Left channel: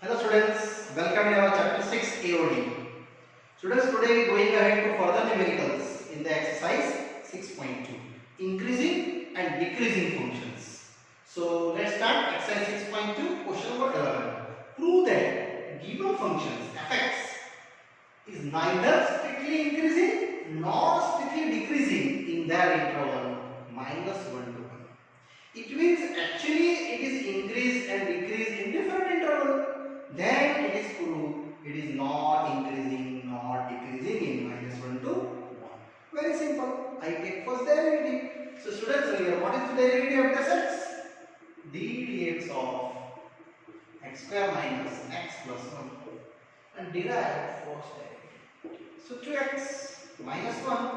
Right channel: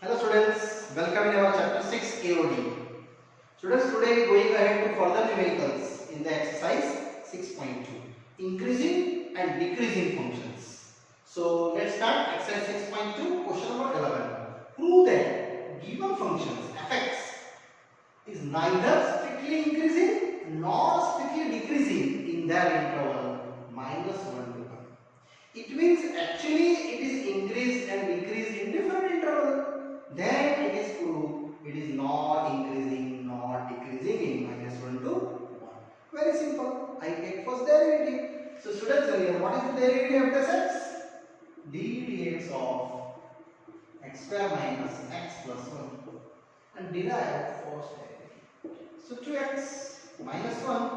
Hello students, welcome in our chapter 6 AOD. Students, today we are going ahead to further numericals in the exercise 6.2, increasing and decreasing functions. So let's start exercise 6.2, question number 11. Prove that given functions fx is neither strictly increasing nor strictly decreasing in their interval minus 1 to 1. It means actually it is increase and decrease in different interval. Then it is proved it is not increasing nor decreasing in minus 1 to 1. Very simple. I take first derivative. So students, here what is the derivative of this x? d dx of x square minus x plus 1 and derive first derivative. So 2x minus 1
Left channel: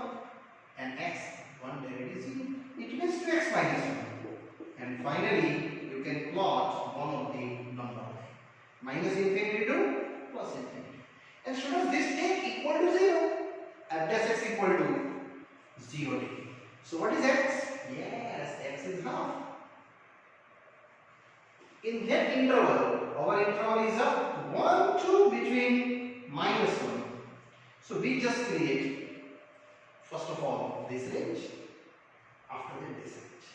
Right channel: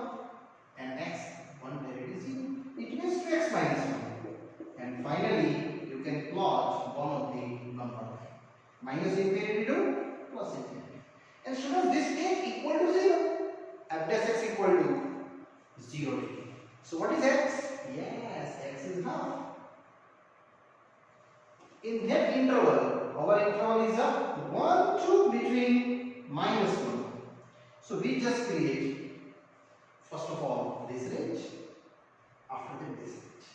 and x 1 derivative 0. It means 2x minus 1. And finally, you can plot one of the number line. Minus infinity to plus infinity. And students, this take equal to 0. F dash x equal to 0 degree. So what is x? Yes, x is half. In that interval, our interval is a 1 to between minus 1. So we just create, first of all, this range. After that, this range.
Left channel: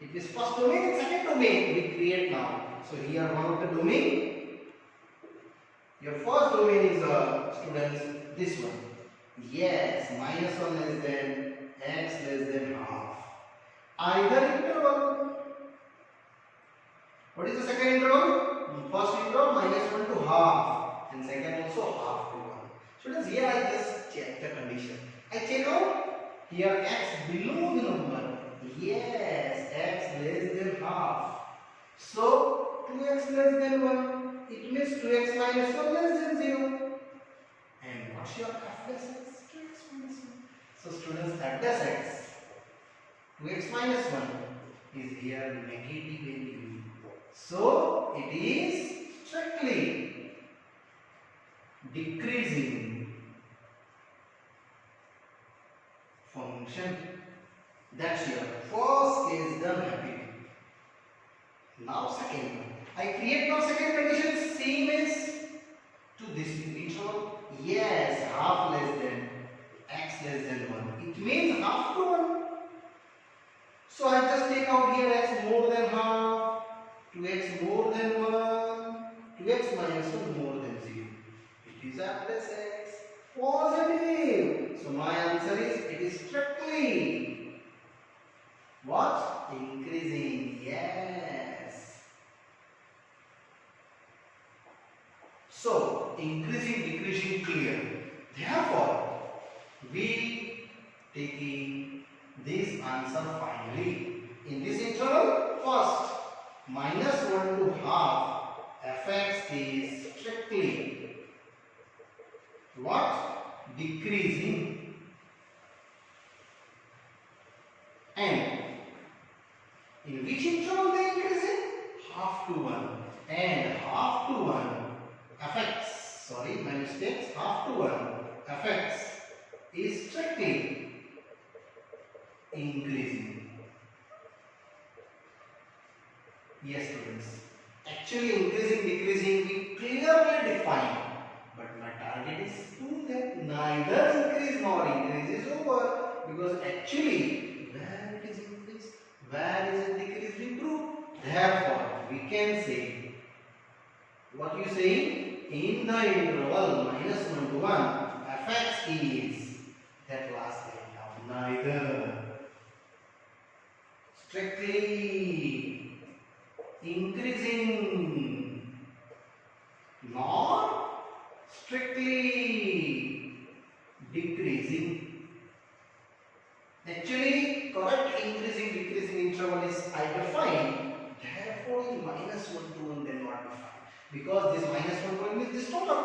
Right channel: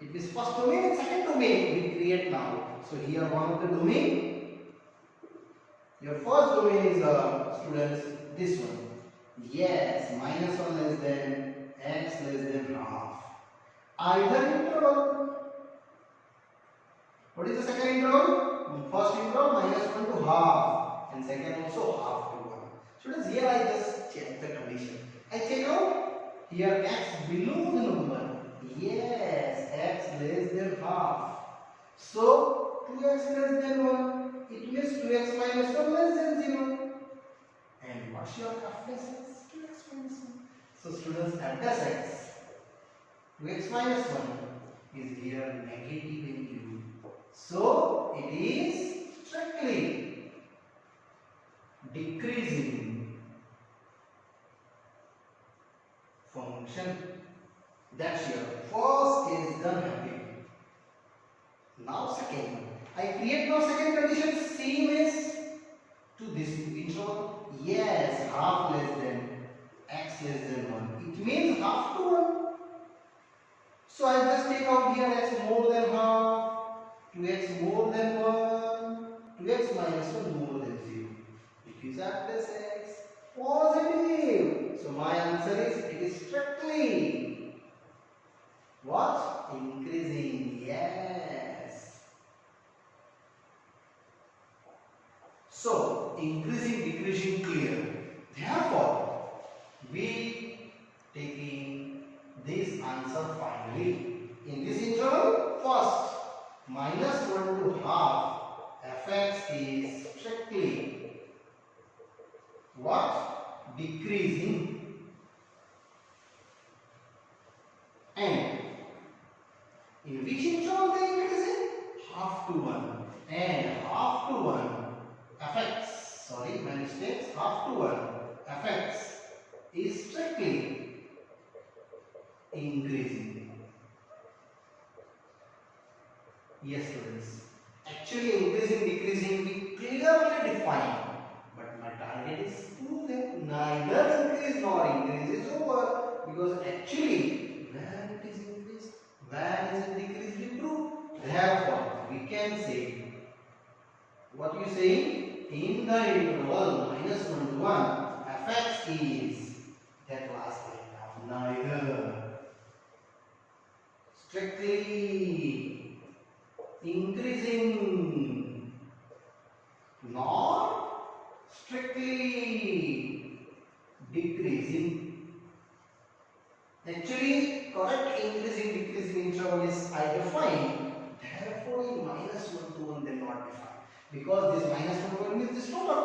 It is first domain and second domain we create now. So here one of the domain. Your first domain is students this one. Yes, minus 1 less than x less than half. Either interval. What is the second interval? First interval minus 1 to half and second also half to 1. Students, here I just check the condition. I check out here x below the number. Yes, x less than half. So 2x less than 1. It means 2x minus 1 less than 0. And what's your f dash x? 2x minus 1. So students, f dash x 2x minus 1 is here negative value. So it is strictly decreasing function. That's your first case done happy. Now second one. I create now second condition same as to this interval. Yes, half less than x less than 1. It means half to 1. So I just take out here x more than half, 2x more than 1, 2x minus 1 more than 0. It is f plus x positive. So my answer is it is strictly what? Increasing. Yes. So increasing, decreasing clear. Therefore, we taking this answer finally. In this interval, first minus 1 to half fx is strictly what? Decreasing. And in which interval they increasing? Half to 1. And half to 1 fx, sorry, my mistakes, half to 1 fx is strictly increasing. Yes students, actually increasing, decreasing we clearly define, but my target is prove that neither increase nor increase is over, because actually where it is increased, where is it decreased we prove. Therefore we can say, what you say, in the interval minus 1 to 1 fx is that last line now, neither strictly increasing nor strictly decreasing. Actually correct increasing decreasing interval is I define, therefore in minus 1 to 1 they not define, because this minus 1 to 1 means this total,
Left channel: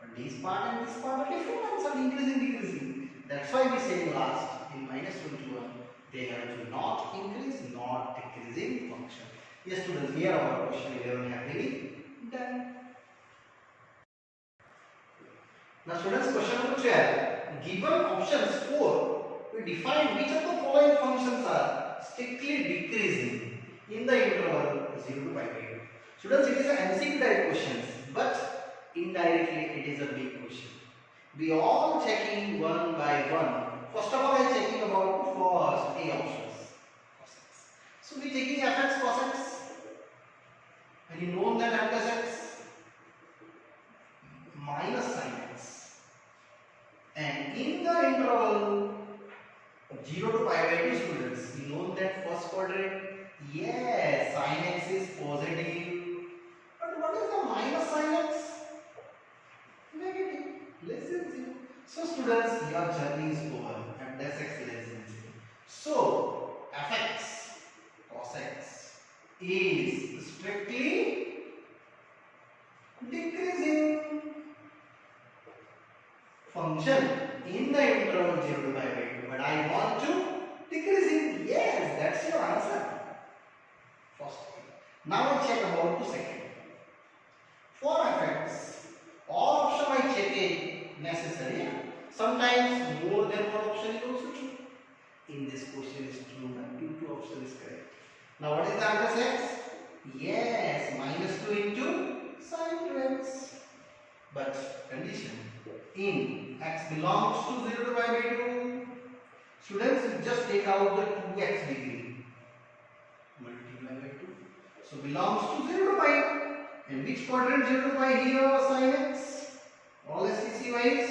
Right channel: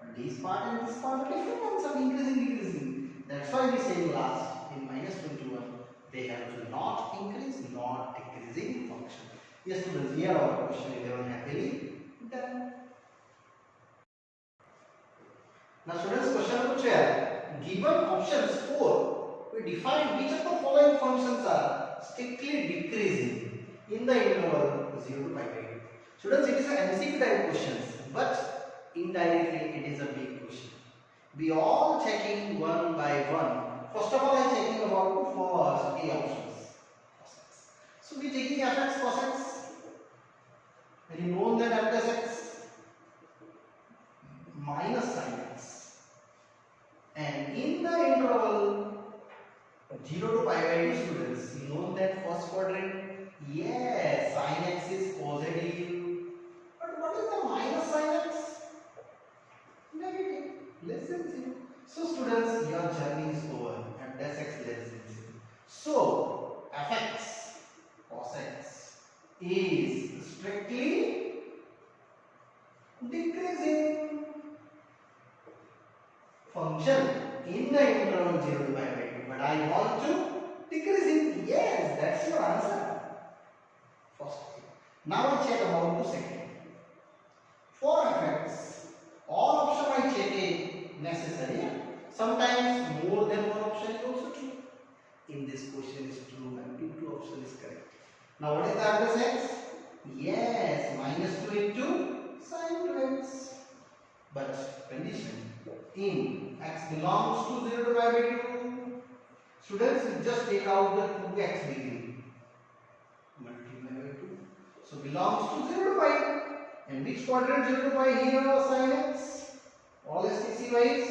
but this part and this part are different answer, increasing decreasing. That's why we say last in minus 1 to 1 they have to not increase not decreasing function. Yes students, here our question 11 happily done. Now students, question number 12. Given options 4, we define which of the following functions are strictly decreasing in the interval 0 to pi by 2. Students, it is an MCQ type questions, but indirectly it is a big question. We all checking one by one. First of all, I checking about first A options. Cos x. So we checking fx cos x. When you know that m plus x minus sin x, and in the interval 0 to pi by 2, students, you know that first quadrant. Yes, sin x is positive. But what is the minus sin x? Negative, less than 0. So students, your journey is over and dash x less than 0. So fx cos x is strictly decreasing function in the interval 0 to pi by 2. But I want to decrease it. Yes, that's your answer. First thing. Now I check about the second. For fx, all option I check it necessary. Sometimes more than one option is also true. In this question is true and two option is correct. Now what is the m plus x? Yes, minus 2 into sin 2x. But condition, in x belongs to 0 to pi by 2. Students, you just take out the 2x degree. Multiply by 2. So belongs to 0 to pi. And which quadrant 0 to pi here sin x? All STC wise,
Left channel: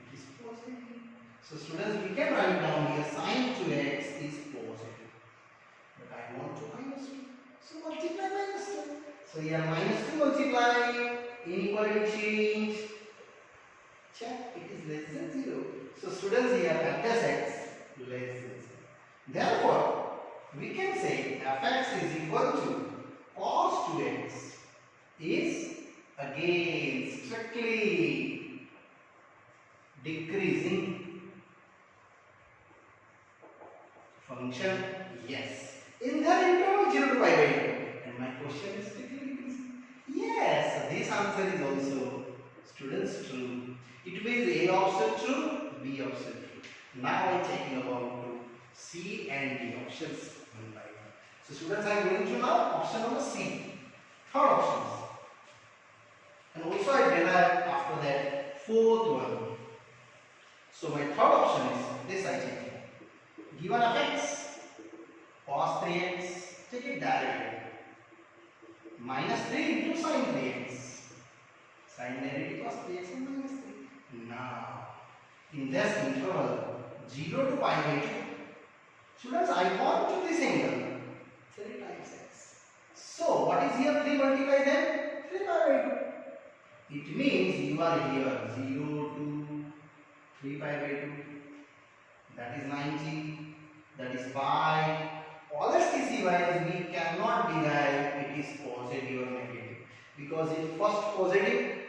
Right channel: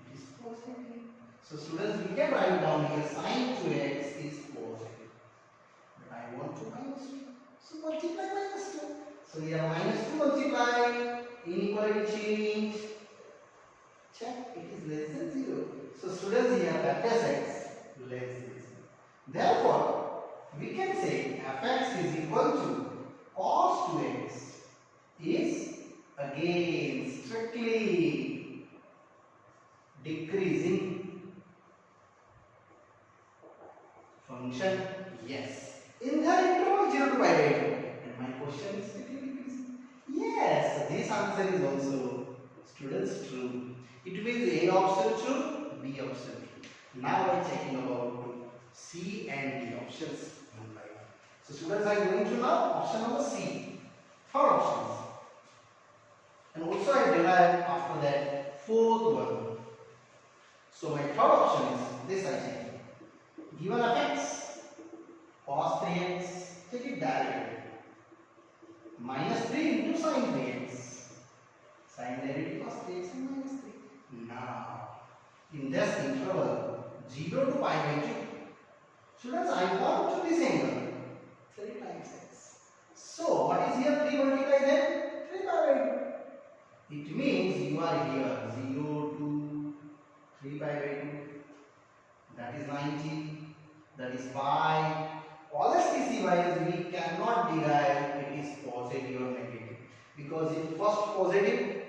it is positive. So students, we can write down here sin 2x is positive. But I want to minus 2. So multiply minus 2. So here minus 2 multiply, inequality change. Check, it is less than 0. So students, here f dash x less than 0. Therefore, we can say fx is equal to cos 2x is again strictly decreasing function. Yes, in the interval 0 to pi by 2. And my question is strictly decreasing. Yes, so this answer is also, students, true. It means A option true, B option true. Now I am checking about C and D options one by one. So students, I am going to now option number C, third options. And also I derived after that fourth one. So my third option is this I check. Given fx cos 3x, take it directly. Minus 3 into sin 3x. Sin derivative cos 3x and minus 3. Now, in this interval 0 to pi by 2, students, I want to this angle 3 times x. So, what is here 3 multiply then? 3 pi by 2. It means you are here 0 to 3 pi by 2. That is 90. That is pi. All STC wise, we cannot derive it is positive or negative. Because in first positive,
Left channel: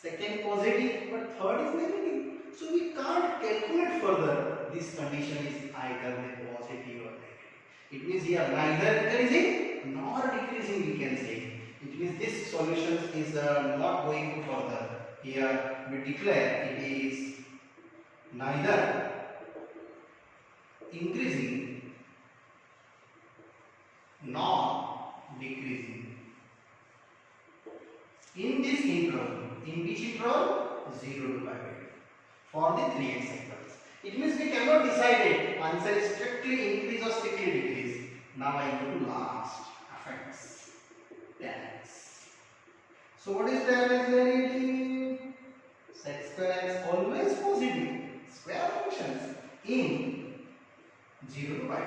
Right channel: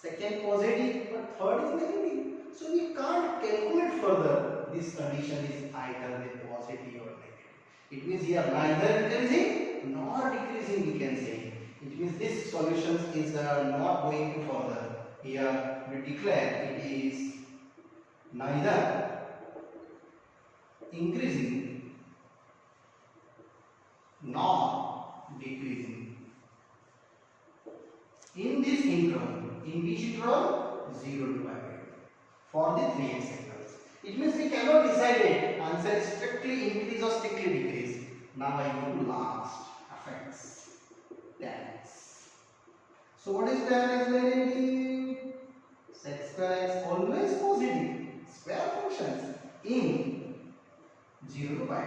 second positive, but third is negative. So we can't calculate further. This condition is either the positive or negative. It means here neither increasing nor decreasing, we can say. It means this solution is not going to further. Here we declare it is neither increasing nor decreasing. In this interval, in which interval? 0 to pi by 2. For the 3x sectors. It means we cannot decide it. Answer is strictly increase or strictly decrease. Now I go to last. Fx. Tan x. So what is tan x derivative? Sec square x always positive. Square functions in 0 to pi by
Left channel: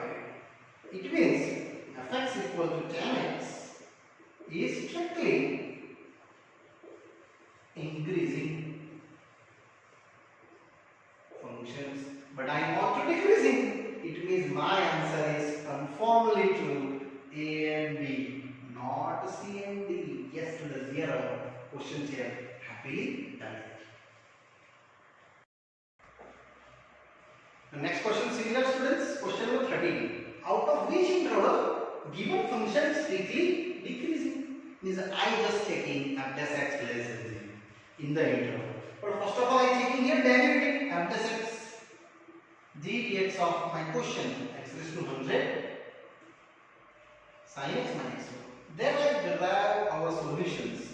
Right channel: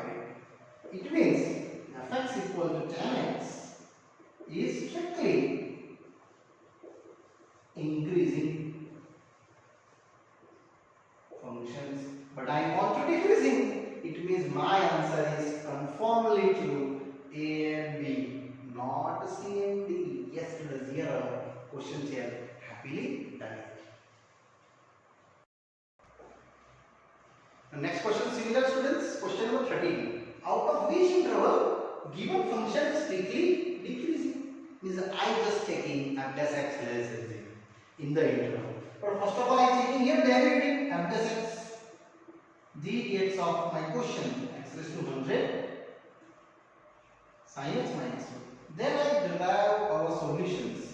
2. It means fx equal to tan x is strictly increasing functions, but I want to decreasing. It means my answer is conformly to A and B, not C and D. Yes, students, here are questions here. Happily done. The next question, similar students. Question number 13. Out of which interval given function is strictly decreasing? Means I just checking f dash x less than 0 in the interval. But first of all, I checking here derivative f dash x d dx of my question x raised to 100 sin x minus 2. Then I derive our solutions,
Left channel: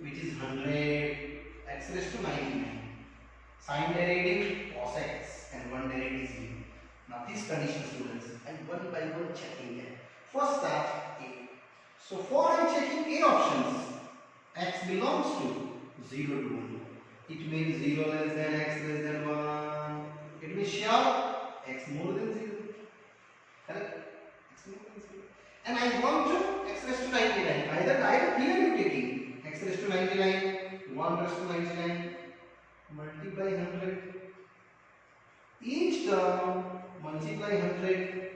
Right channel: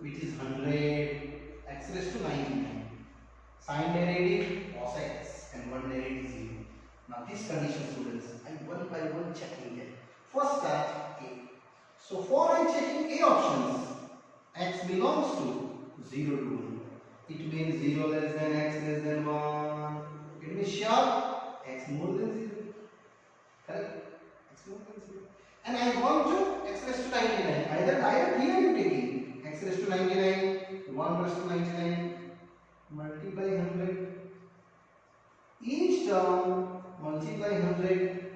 which is 100 x raised to 99. Sine derivative cos x and one derivative 0. Now this condition, students, I one by one checking it. First start A. So for I checking A options, x belongs to 0 to 1. It means 0 less than x less than 1. It means sure x more than 0. Correct? X more than 0. And I want to x raised to 99. Either I am clearly taking x raised to 99, 1 raised to 99, multiply 100. Each term multiply 100.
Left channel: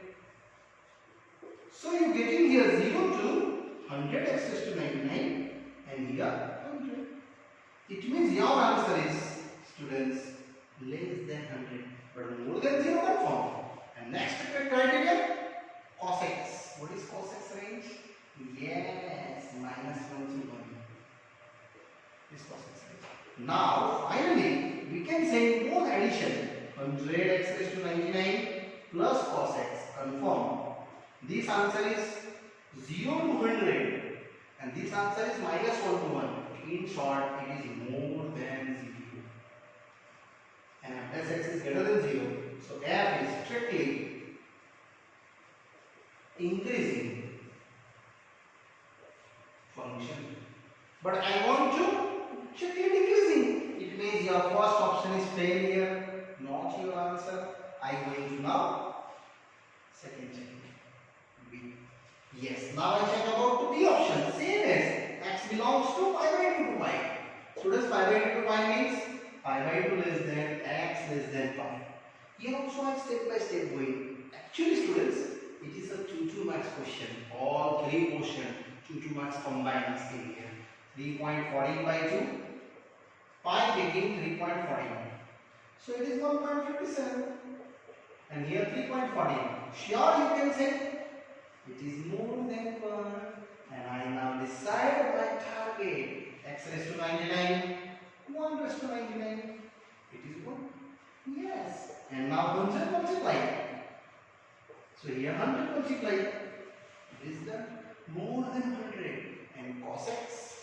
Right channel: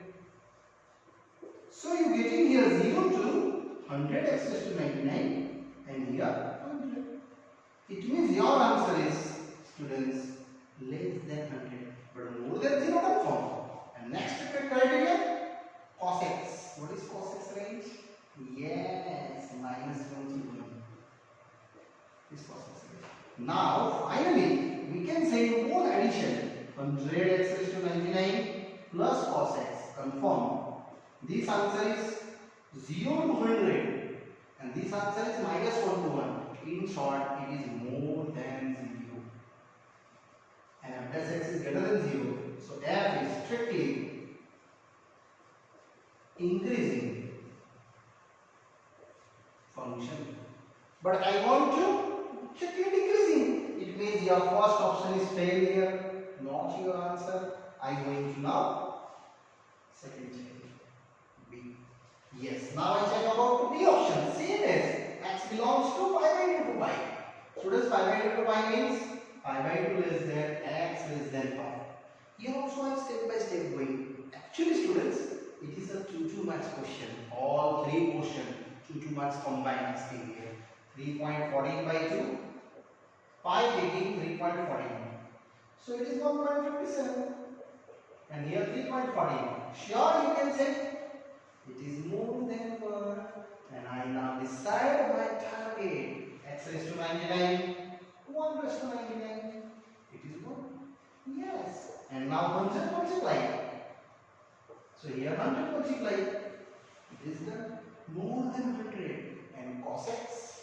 So you getting here 0 to 100 x raised to 99 and here 100. It means your answer is, students, less than 100 but more than 0 confirm. And next criteria, cos x. What is cos x range? Yes, minus 1 to 1 is cos x range. Now finally we can say both addition, 100 x raised to 99 plus cos x, confirm. This answer is 0 to 100 and this answer is minus 1 to 1. In short, it is more than 0 and f plus x is greater than 0. So f is strictly increasing function. But I want to check it decreasing. It means your first option is failure, not your answer. I am going to now second check. B. Yes. Now I check about the B option. Same as x belongs to pi by 2 to y. Students, pi by 2 to y means pi by 2 less than x less than pi. Here also I am step by step going. Actually, students, it is a 2 marks question. All three questions 2 marks combined asking here. 3.14 by 2. Pi taking 3.14. So it is 1.57. And here 3.14. Sure, you can say it is more than 1. And I now decide my target. X raised to 99. 1 raised to 99. It is 1. Yes. And now 100 multiply. So here 100 multiply. It is done. More than 100. And cos x.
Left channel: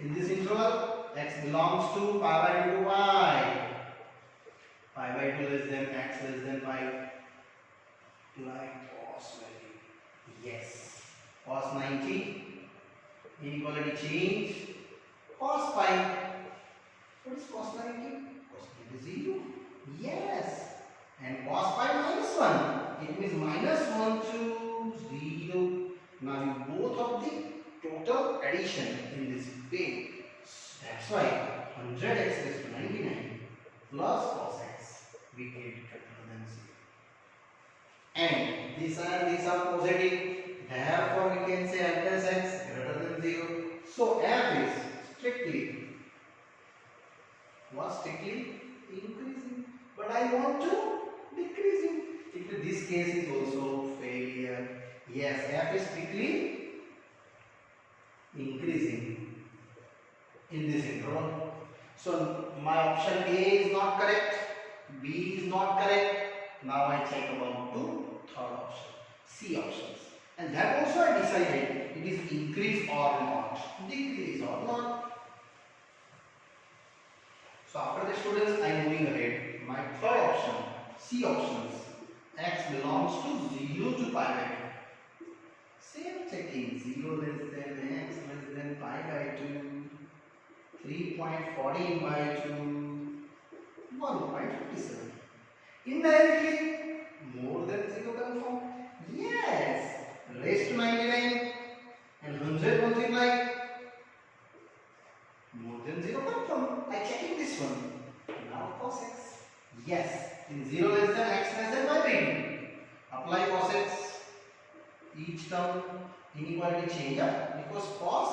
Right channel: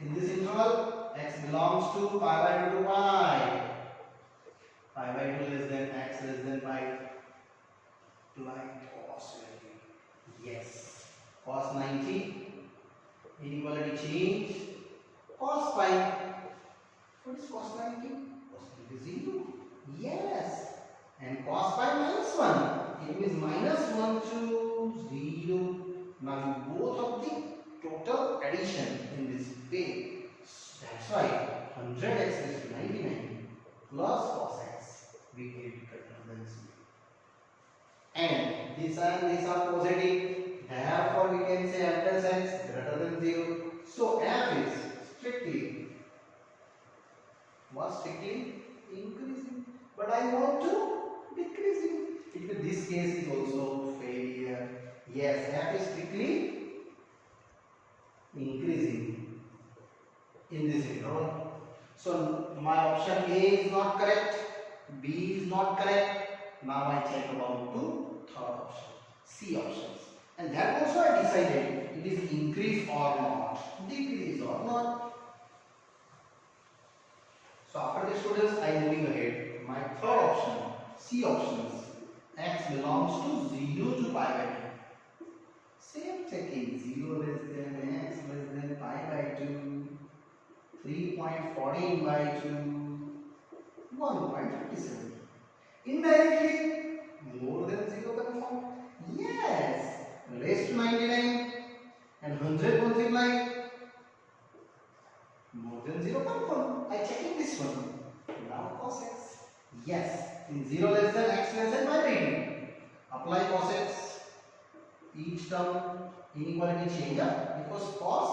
In this interval, x belongs to pi by 2 to y. Pi by 2 less than x less than pi. Apply cos value. Yes. Cos 90. Inequality change. Cos pi. What is cos 90? Cos 90 is 0. Yes. And cos pi minus 1. It means minus 1 to 0. Now you both of the total addition in this way. That's why 100x raised to 99 plus cos x we get greater than 0. And these are positive. Therefore we can say f plus x greater than 0. So f is strictly increasing. But I want to decreasing. If this case is also failure. Yes, f is strictly increasing in this interval. So my option A is not correct, B is not correct. Now I check about to third option, C options. And that also I decided it is increase or not, decrease or not. So after the students, I am moving ahead. My third option, C options, x belongs to 0 to pi by 2. Same checking, 0 less than x less than pi by 2, 3.14 by 2, 1.57. Indirectly, more than 0 confirm. Yes, raised to 99 and 100 multiply, more than 0 confirm. I checking this one. Now cos x. Yes, in 0 less than x less than pi by 2. Apply cos x. Each term inequality change up because cos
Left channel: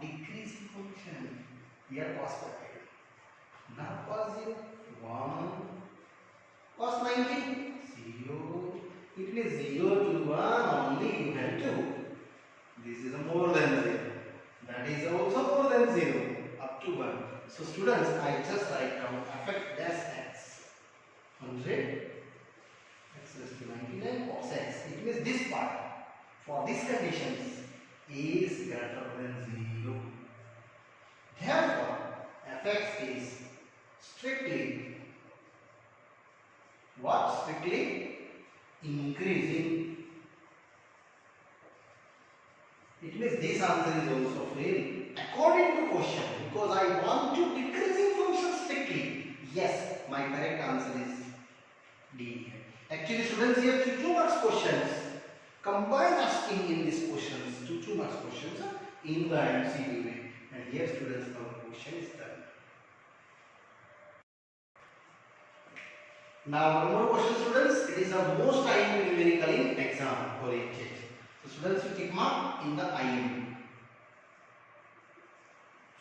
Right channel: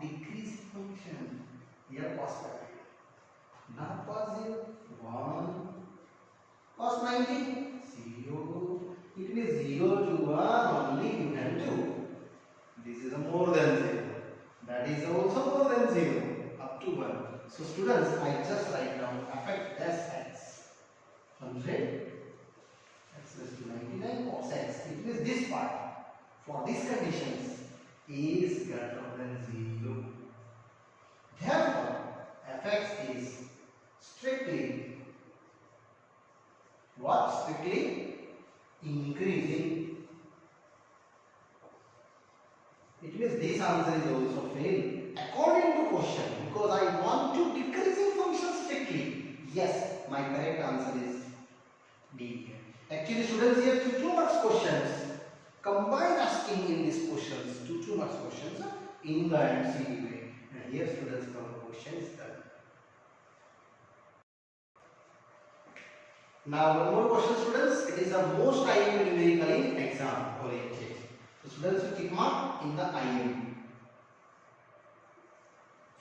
decreasing function. Here cos bracket. Now cos 0 1. Cos 90 0. It means 0 to 1 only you can do. This is a more than 0. That is also more than 0 up to 1. So students, I just write down f as x. 100 x raised to 99 cos x. It means this part. For these conditions, is greater than 0. Therefore, fx is strictly what? Strictly increasing. It means this answer is also fail according to question, because I want to decreasing function strictly. Yes, my correct answer is D. Actually, students, here 2 marks questions. Combine asking in these questions, 2 marks questions in the MCQ way. And here, students, our question is done. Now, one more question, students. It is the most IMP numerical in exam oriented. So, students, you tick mark in the IMP.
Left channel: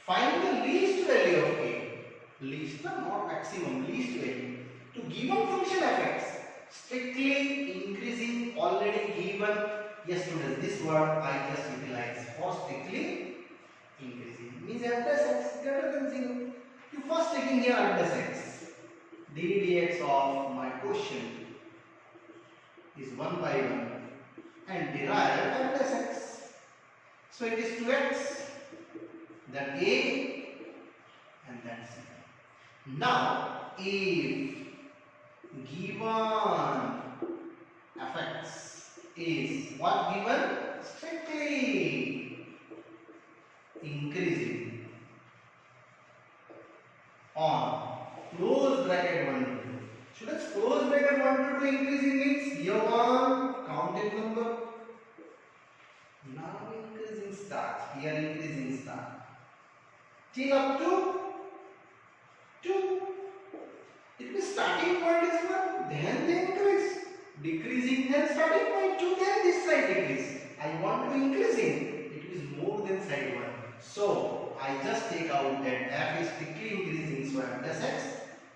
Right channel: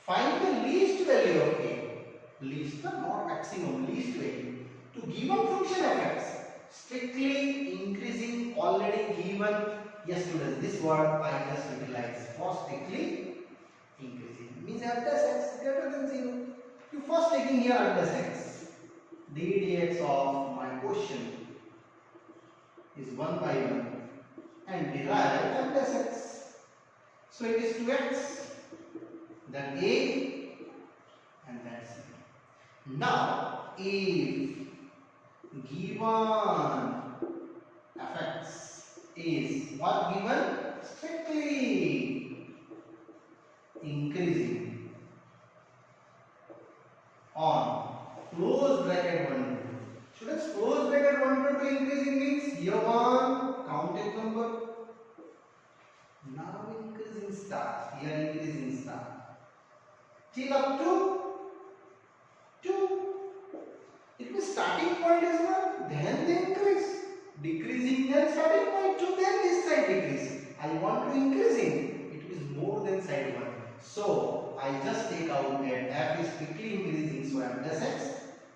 Find the least value of a. Least, not maximum, least value to given function fx. Strictly increasing, already given. Yes, students, this word I just utilized for strictly increasing. Means f dash x greater than 0. You first taking here f dash x. d dx of my question is 1 by 1 and derive f dash x. So it is 2x, then a and then c. Now, if given fx is what given? Strictly increasing on close bracket 1 to 2. Students, close bracket 1 to 2 increasing means here 1 counted number. Now increasing start, here increasing start till up to 2. It means starting point is 1, then they increase. Decreasing, then starting point 2, then this side decrease. I want to increasing. It is more than side 1. So, I just take out that f is strictly increasing. So, f dash x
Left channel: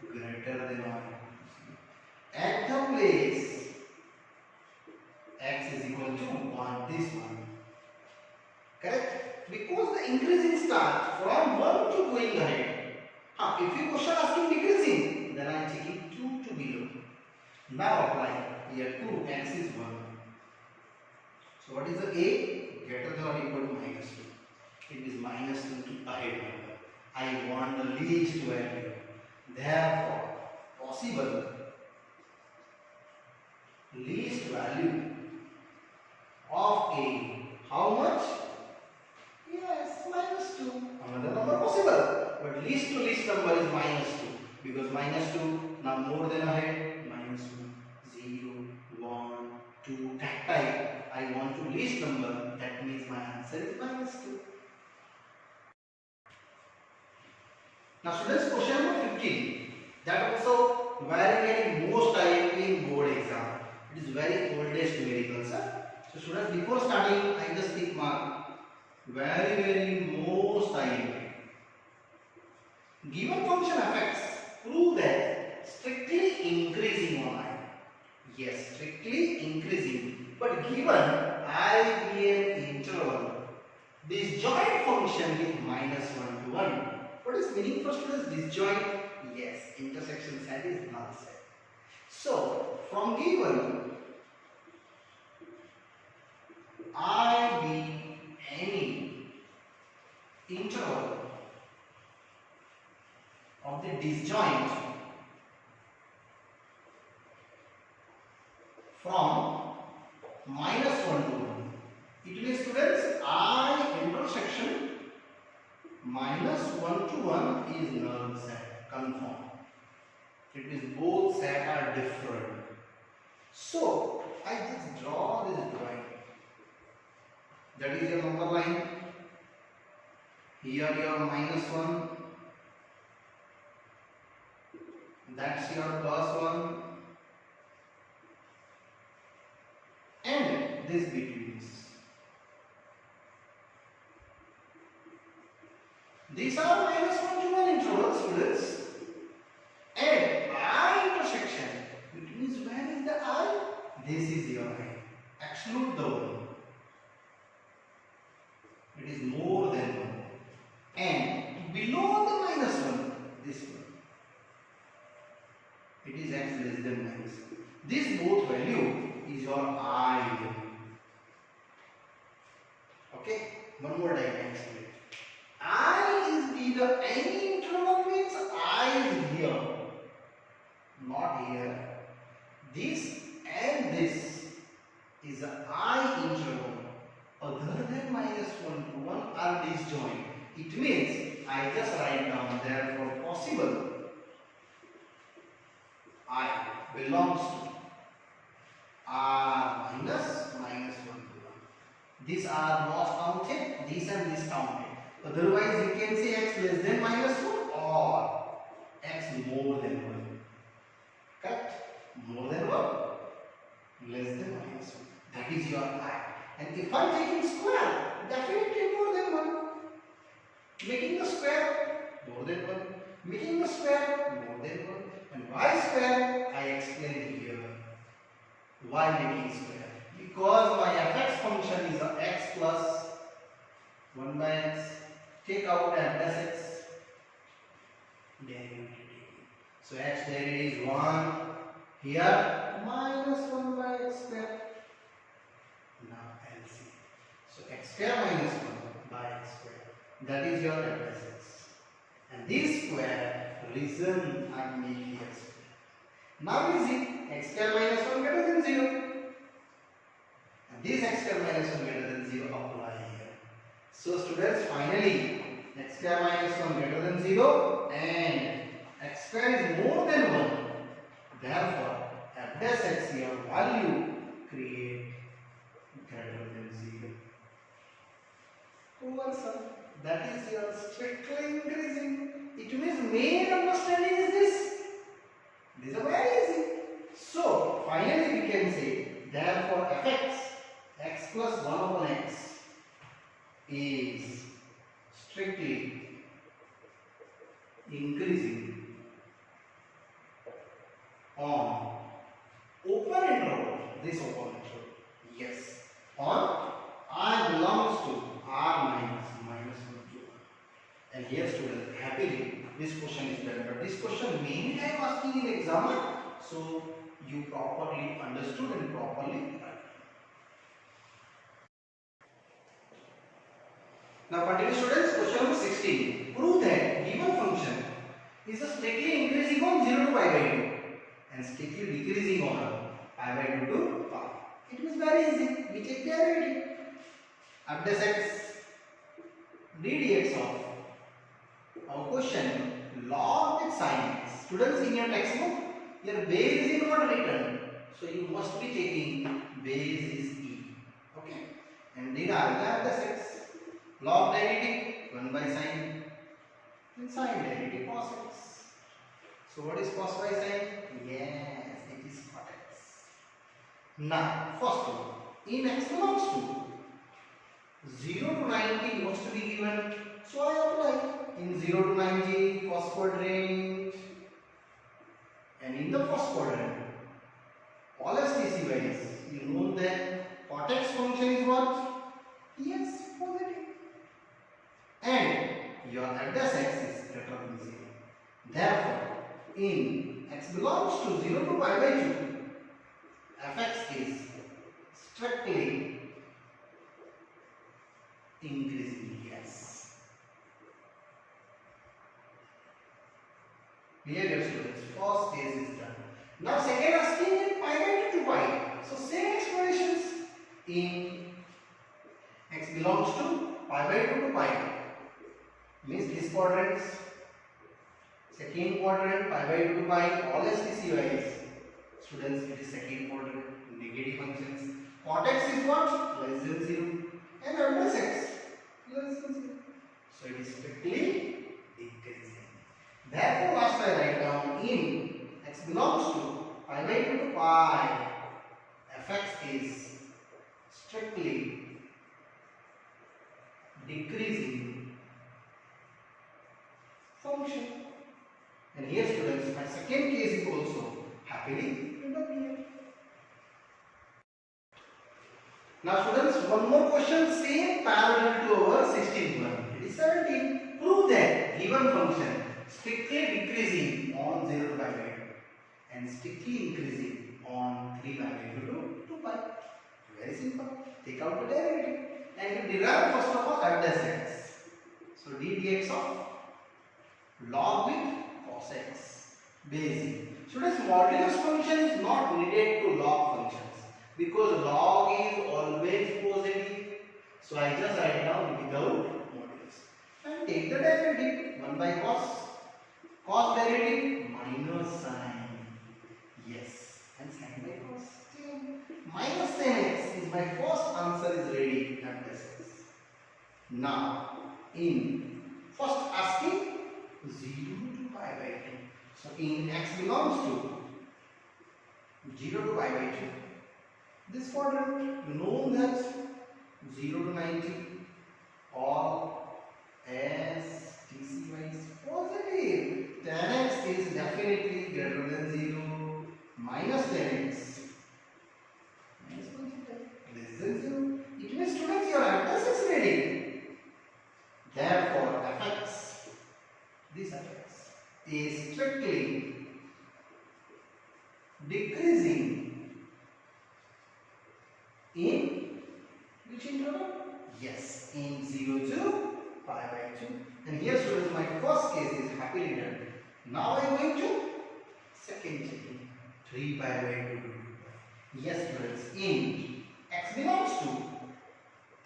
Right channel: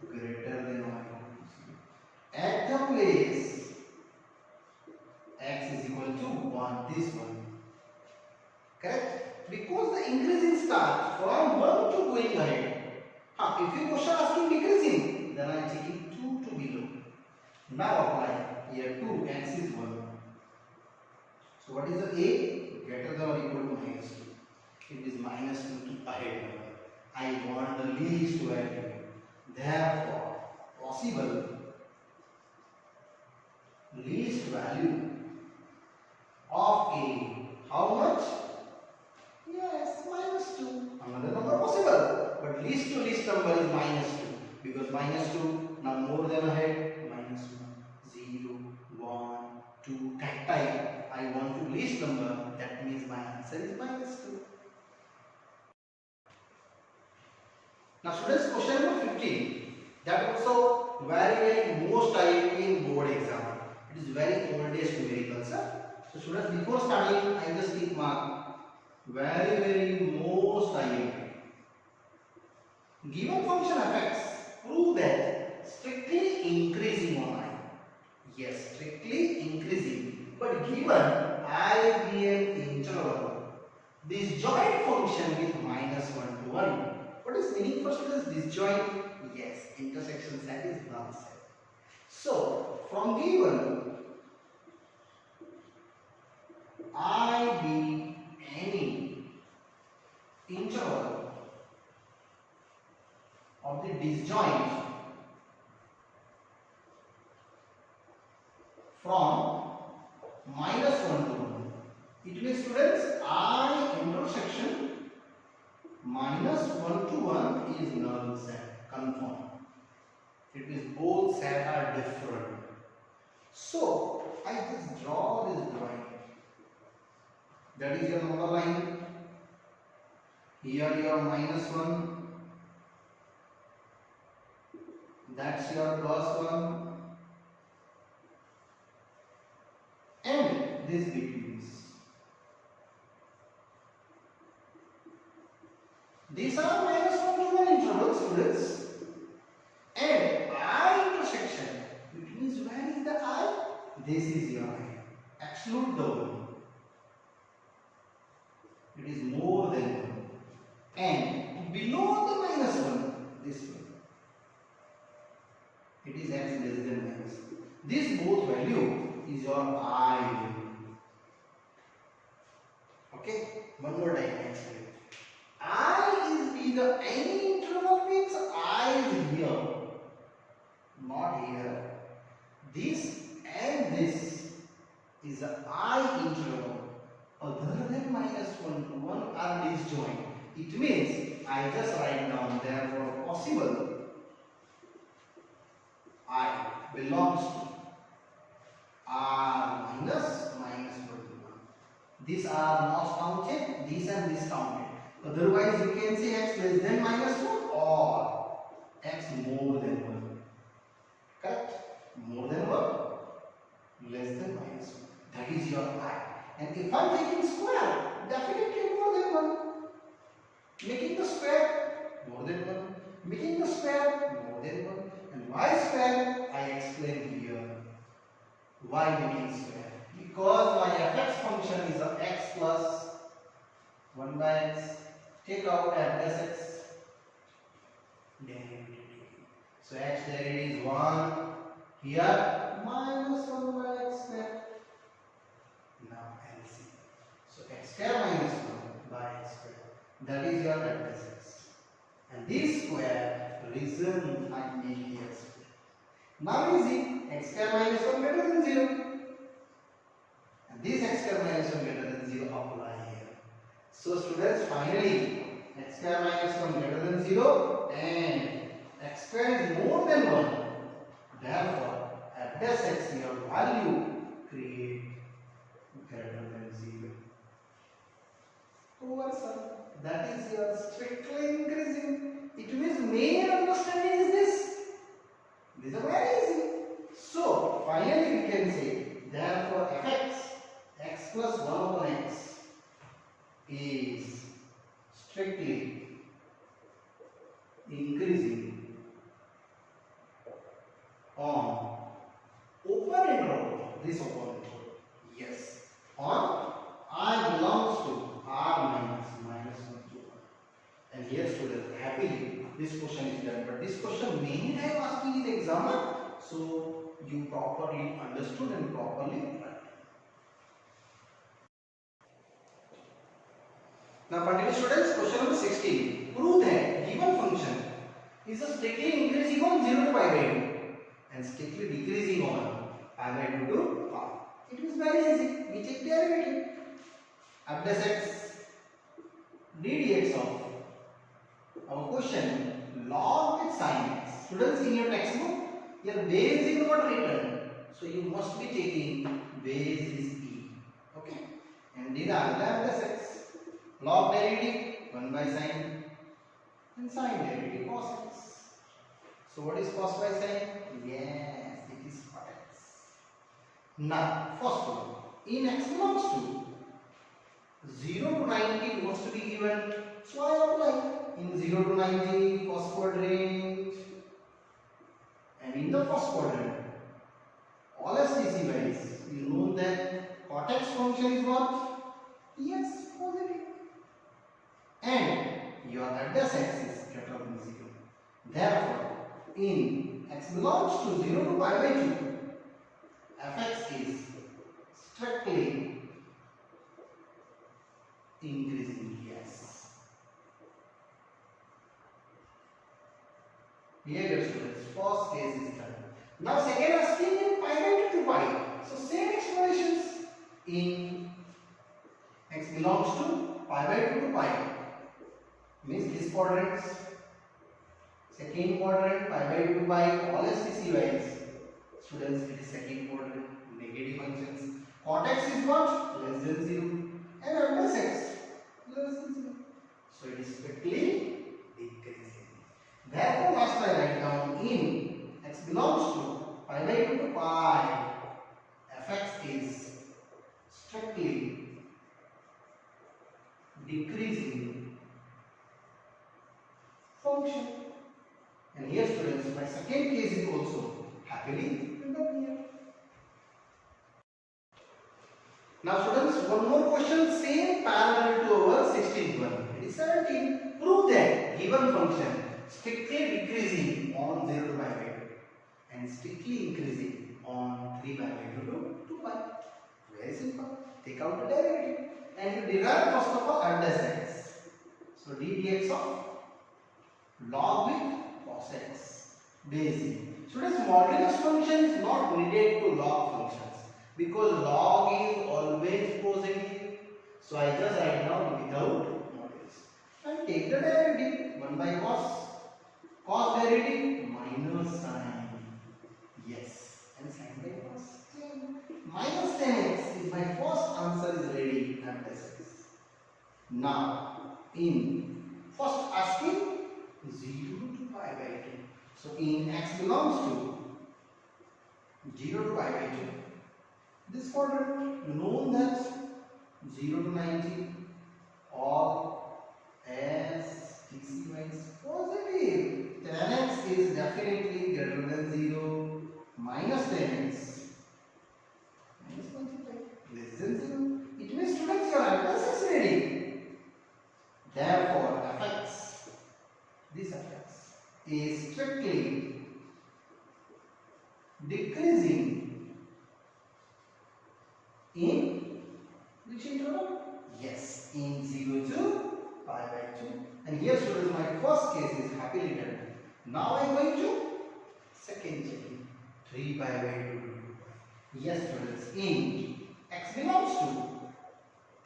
greater than or equal to 0. At the place x is equal to 1, this one. Correct? Because the increasing start from 1 to going ahead. If you question asking decreasing, then I am taking 2 to below. Now apply. Here 2, x is 1. So what is the a? Greater than or equal to minus 2. It is minus 2 to ahead number. I want the least value. Therefore, possible least value of a. How much? Yes, minus 2. Another number possible. But least to least number is minus 2. Because minus 2, now more than ahead, minus 1, 0, 1, 2, that type. I want to least number, that means my answer is minus 2. Now students, question number 15. That also very most IMP in board exam. It is very oldest numerical, sir. So students, before starting, I just keep mark. Very most IMP. Given function fx, prove that strictly increasing on I. Yes, strictly increasing. But given I be an interval, disjoint function with minus 1 to 1. What is meaning for students? Disjoint? Yes, intersection set is null set. So, from given I be any interval of the disjoint from minus 1 to 1. It means students, I intersection minus 1 to 1 is null set, confirm. It means both sets are different. So, I just draw this drawing. That is your number line. Here your minus 1. That's your plus 1. And this between this. These are minus 1 to 1 intervals, students. And I intersection, which means where is the I? This is your I. Exclude the 1. It is more than 1. And below the minus 1, this one. It is x less than minus. This both value is your I value. Okay? One more time I explain. I is either any interval means I is here, not here. This and this is a I interval other than -1 to 1 are disjoint. It means I just write down therefore possible I belongs to R minus -1 to 1. These are not counted, these and this counted. Otherwise you can say x less than -1 or x more than 1. Correct? More than 1, less than -1. That is your I. And if I am taking square, definitely more than 1. Making the square, more than 1. Making the square, more than 1. And why square? I explain here. Why making square? Because my fx function is a x plus 1 by x. Take out f plus x. Derivative. So x derivative is 1. Here minus 1 by x square. Now LCM. So x square minus 1 by x square. That is your f plus x. And this square reason I make here square. Now easy. X square minus 1 greater than 0. And this x square minus 1 greater than 0 apply here. So students, finally x square minus 1 greater than 0 and x square is more than 1. Therefore, f dash x here value create greater than 0. Cool answer. That is your strictly increasing. It means main understanding is this. These are very easy. So, finally we can say, therefore fx, x plus 1 upon x is strictly increasing on open interval, this open interval. Yes. On I belongs to R minus 1 to 1. And here students, happily this question is done. But this question many times asking in exam, so you properly understood and properly. Now continue students, question number 16. Prove that given function is strictly increasing on 0 to pi by 2 and strictly decreasing on pi by 2 to pi. It is very easy. We take derivative. F dash x ddx of our question log with sin x. Students, in your textbook, your base is not written. So you must be taking base is e. Okay? And these are the F dash x. Log derivative 1 by sin and sin derivative cos x. So what is cos by sin? Yes, it is cot x. Now, first one, in x belongs to 0 to 90 wants to be given. So I apply in 0 to 90 first quadrant and in the first quadrant. All STC wise, you know that cot x function is what? Yes, positive. And your f dash x is greater than 0. Therefore, in x belongs to 0 to pi by 2, fx is strictly increasing. Yes. Clear, dear students? First case is done. Now second asking in pi by 2 to pi. So same explanations. In x belongs to pi by 2 to pi. Means this quadrant, second quadrant, pi by 2 to pi, all STC wise. Students, it is second quadrant, negative functions. Cot x is what? Less than 0. And f dash x less than 0. So it is strictly decreasing. Therefore, last I write down in x belongs to pi by 2 to pi, fx is strictly decreasing function. And here students, my second case is also happily written here. Now students, one more question, same parallel to our 16th one. It is 17. Prove that given function strictly decreasing on 0 to pi by 2 and strictly increasing on 3 pi by 2 to 2 pi. Very simple. Take out the derivative. and you derive first of all adjacents. So d dx of log with cos x base. Students, modulus function is not needed to log functions because log is always positive. So I just write down without modulus and take the derivative 1 by cos derivative minus sin. Yes, and sin by cos minus 10x is my first answer is ready and this. Now in first asking 0 to pi by 2. So in x belongs to 0 to pi by 2. This quadrant you know that 0 to 90 all as TC is positive. 10x is definitely greater than 0. Minus 10x minus 25 less than 0. It means students your address is ready. Therefore fx, this fx is strictly decreasing in which interval? Yes, in 0 to pi by 2. And here students my first case is happily done. Now I am going to second checking 3 pi by 2 to 2 pi. Yes students, in x belongs to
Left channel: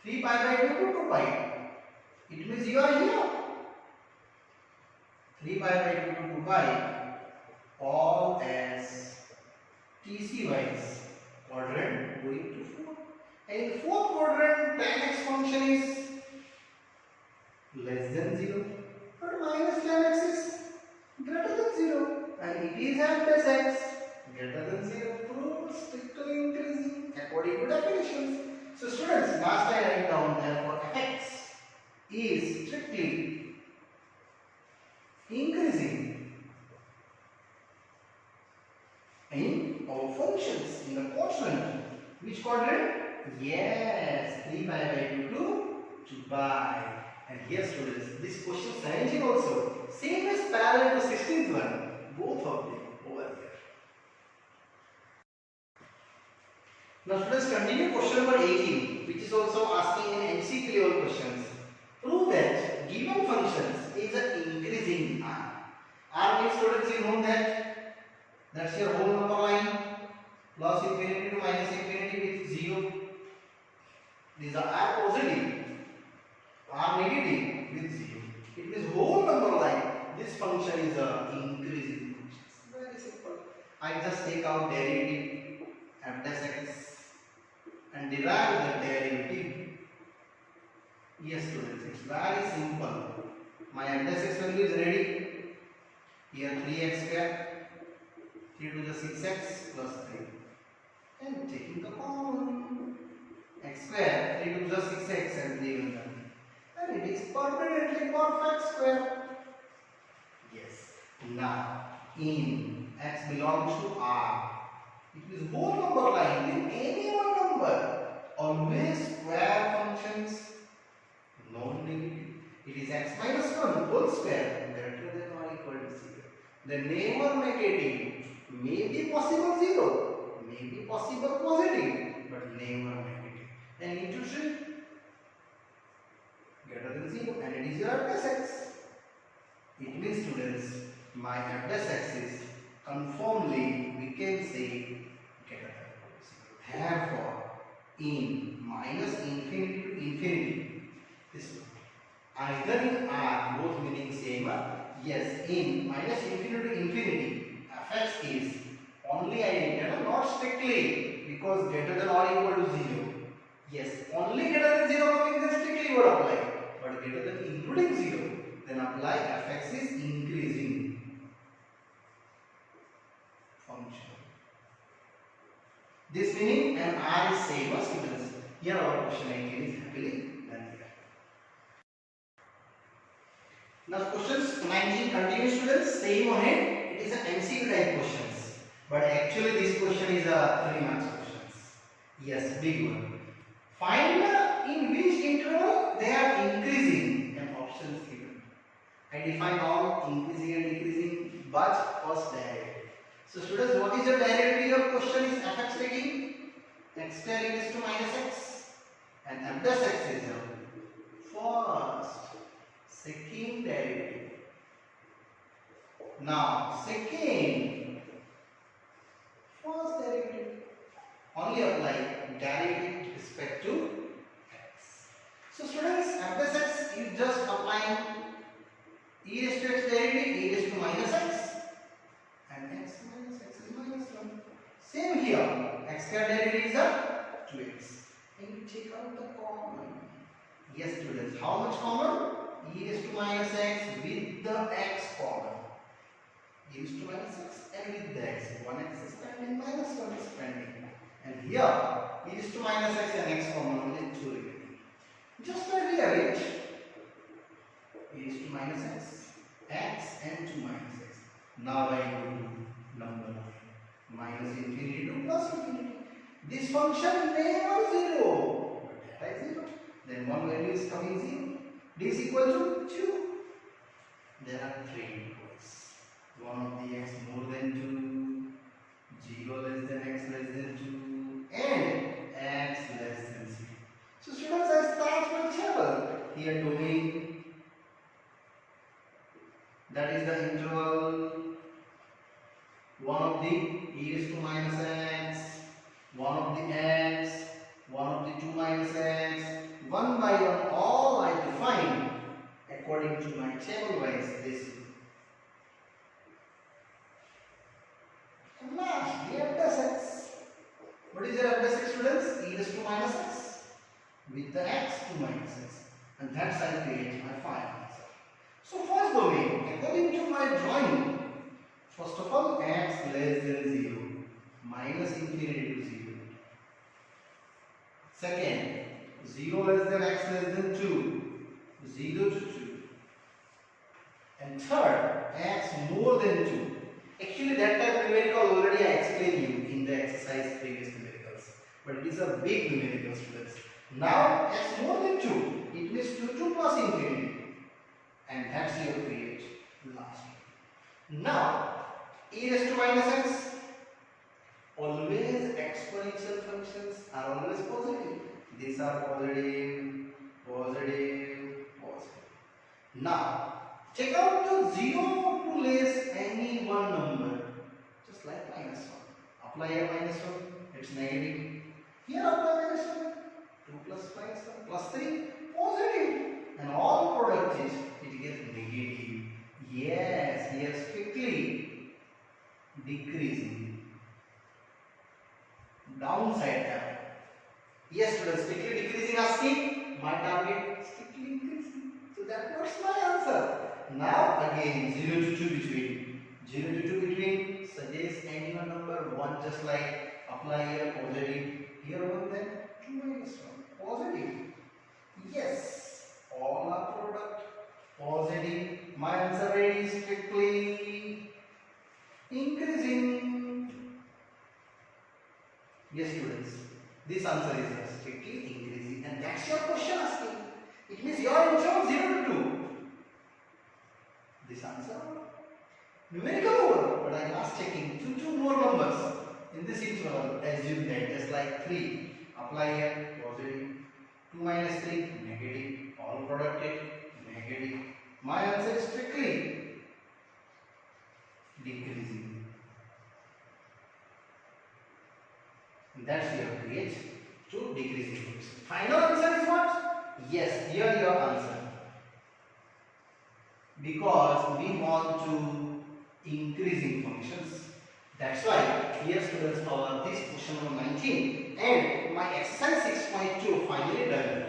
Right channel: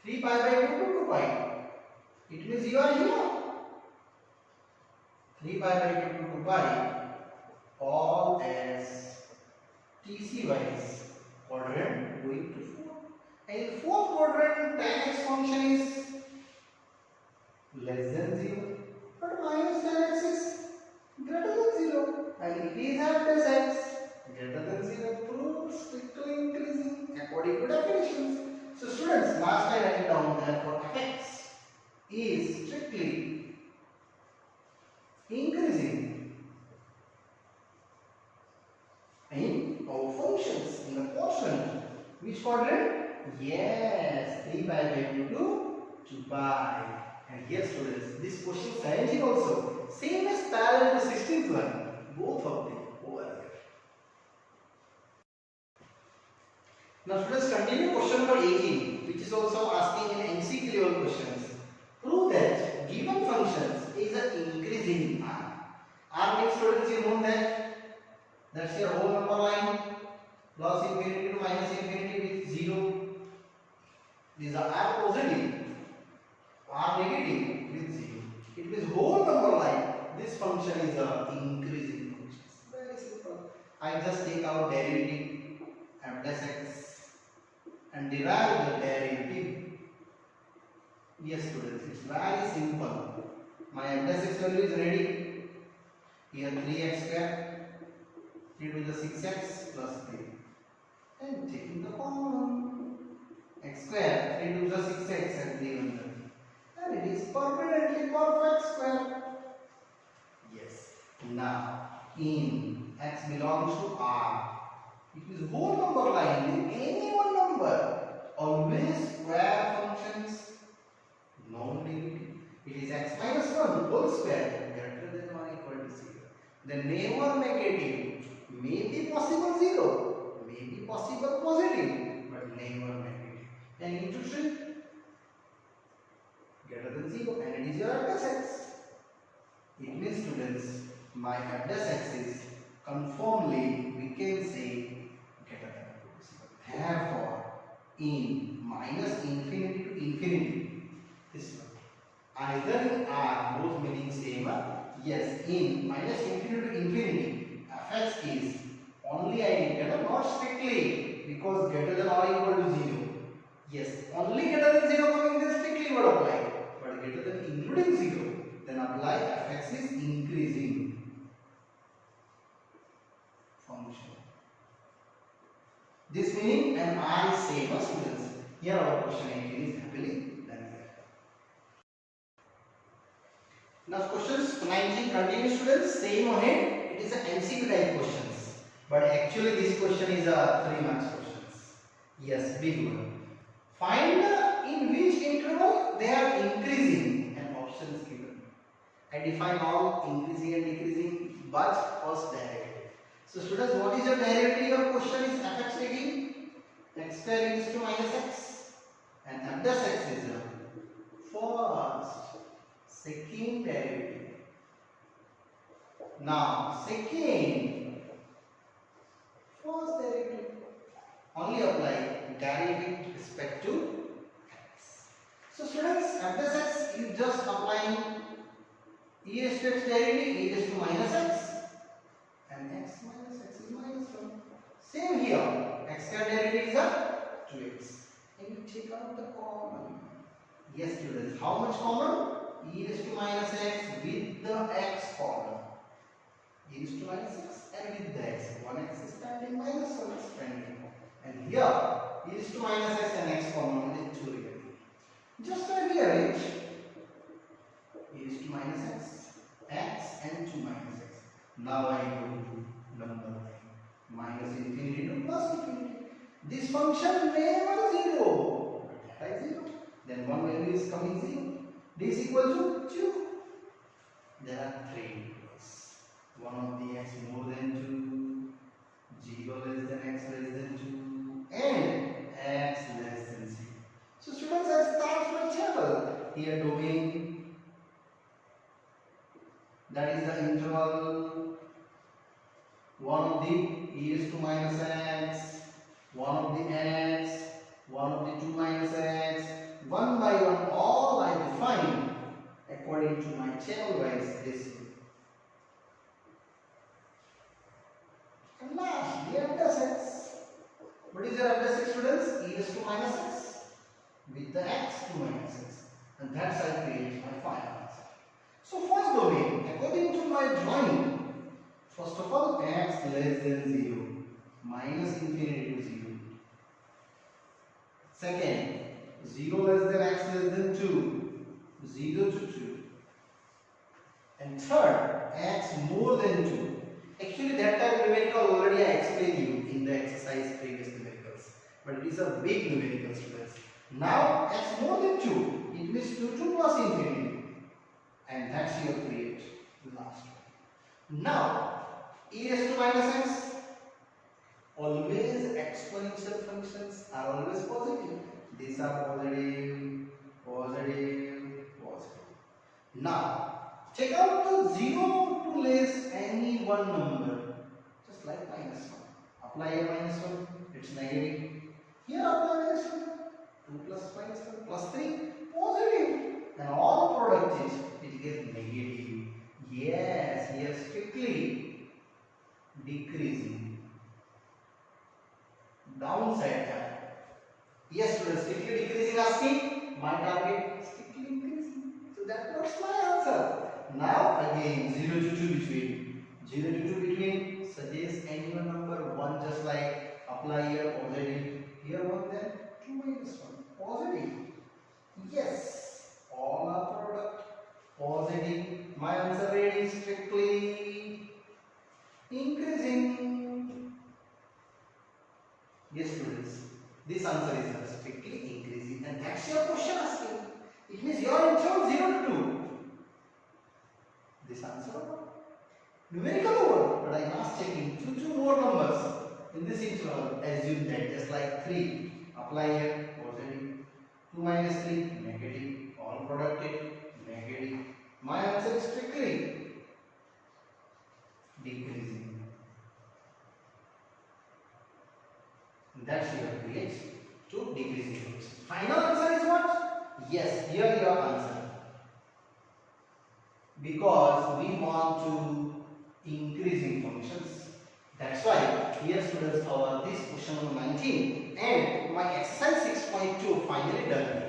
3 pi by 2 to 2 pi. It means you are here 3 pi by 2 to 2 pi all as TC wise quadrant going to 4. And in fourth quadrant tan x function is less than 0 but minus tan x is greater than 0 and it is at plus x greater than 0 proved strictly increasing according to definitions. So students, last I write down therefore fx is strictly increasing in our functions in the quotient. Which quadrant? Yes, 3 pi by 2 to 2 pi. And here students, this question 17 also same as parallel to 16th one, both of them over here. Now students, continue question number 18, which is also asking in MCQ level questions. Prove that given functions is an increasing R. R means students you know that's your whole number line plus infinity to minus infinity with 0. These are R positive, R negative with 0. It means whole number line. This function is a increasing function. Very simple. I just take out derivative f dash x and derive the derivative. Yes students, it's very simple. My f dash x value is ready. Here 3x square, 3 to the 6x plus 3. And taking the common x square, 3 to the 6x and 3 will come. And it is permanently perfect square. Yes. Now in x belongs to R. It is whole number line. In any one number, always square functions non-negative. It is x minus 1 whole square greater than or equal to 0. Then never negative. May be possible 0, may be possible positive, but never negative. And into 3 greater than 0 and it is your address x. It means students, my address x is conformably we can say greater than or equal to 0. Therefore, in minus infinity to infinity, this one. Either in R, both meaning same. Yes, in minus infinity to infinity, fx is only identical, not strictly because greater than or equal to 0. Yes, only greater than 0 coming then strictly would apply. But greater than including 0, then apply fx is increasing function. This meaning and R is same as students. Here our question 18 is happily done here. Now questions 19 continue students, same ahead. It is an MCQ type questions, but actually this question is a 3 marks questions. Yes, big one. Find in which interval they are increasing and options given. I define all increasing and decreasing, but first derivative. So students, what is your derivative? Your question is fx taking x square is to minus x and f F dash x is a first, second derivative. Now second, first derivative. Only apply derivative with respect to x. So students, f dash x is just applying e raised to x derivative, e raised to minus x, and x minus x is minus 1. Same here, x square derivative is a 2x. And you take out the common. Yes students, how much common? E raised to minus x with the x common. E raised to minus x and with the x. 1x is pending, minus 1 is pending. And here, e raised to minus x and x common, only 2 remaining. Just rearrange e raised to minus x and 2 minus x. Now I go to number line. Minus infinity to plus infinity. This function never 0. But that is 0. Then one value is coming 0. D is equal to 2. There are 3 equals. 1 of the x more than 2, 0 less than x less than 2, and x less than 0. So students, I start my table. Here domain, that is the interval, 1 of the e raised to minus x, 1 of the x, 1 of the 2 minus x, one by one all I define according to my table wise this. And last, the f dash x. What is your f dash x students? E raised to minus x with the x to minus x. And that's I create my final answer. So first domain, according to my drawing, first of all x less than 0, minus infinity to 0. Second, 0 less than x less than 2, 0 to 2. And third, x more than 2. Actually that type of numerical already I explained you in the exercise previous numericals. But it is a big numerical students. Now x more than 2, it means 2 plus infinity. And that's your create last one. Now e raised to minus x, always exponential functions are always positive. These are positive, positive, positive. Now check out the 0 to less any one number, just like minus 1. Apply a minus 1, it's negative. Here apply minus 1, 2 plus minus 1 plus 3, positive. And all product is, it gets negative. Yes, here strictly decreasing. Downside term. Yes students, strictly decreasing asking, my target strictly increasing. So that was my answer. Now again 0 to 2 between. 0 to 2 between, suggest any one number, 1 just like apply here positive. Here 1 then 2 minus 1 positive. Yes, all are product positive. My answer is strictly increasing. Yes students, this answer is strictly increasing, and that's your question asking. It means your interval 0 to 2. This answer numerical over, but I am last checking two more numbers in this interval. Assume that just like 3. Apply here positive. 2 minus 3 negative. All productive negative. My answer is strictly decreasing. That's your create to decreasing function. Final answer is what? Yes, here your answer. Because we want to increasing functions. That's why here students cover this question number 19 and my exercise 6.2 finally done.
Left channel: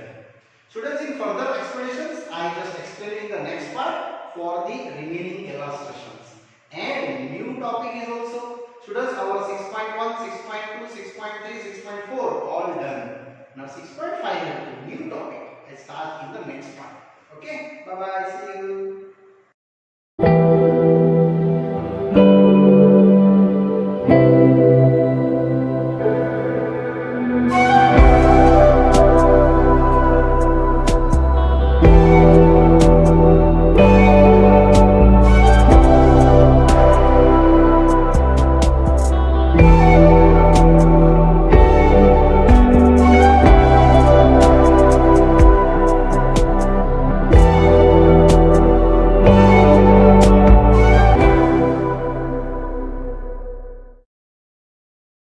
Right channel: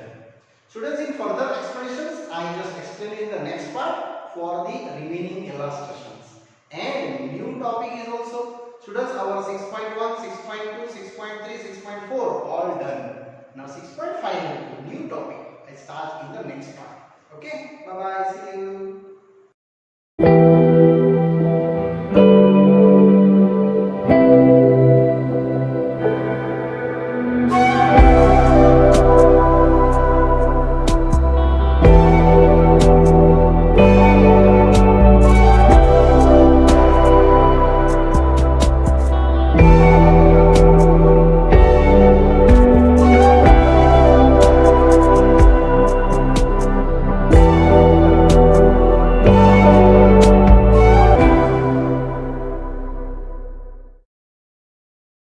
Students, in further explanations I just explain in the next part for the remaining illustrations. And new topic is also students our 6.1, 6.2, 6.3, 6.4 all done. Now 6.5 new topic I start in the next part. Okay, bye bye, see you.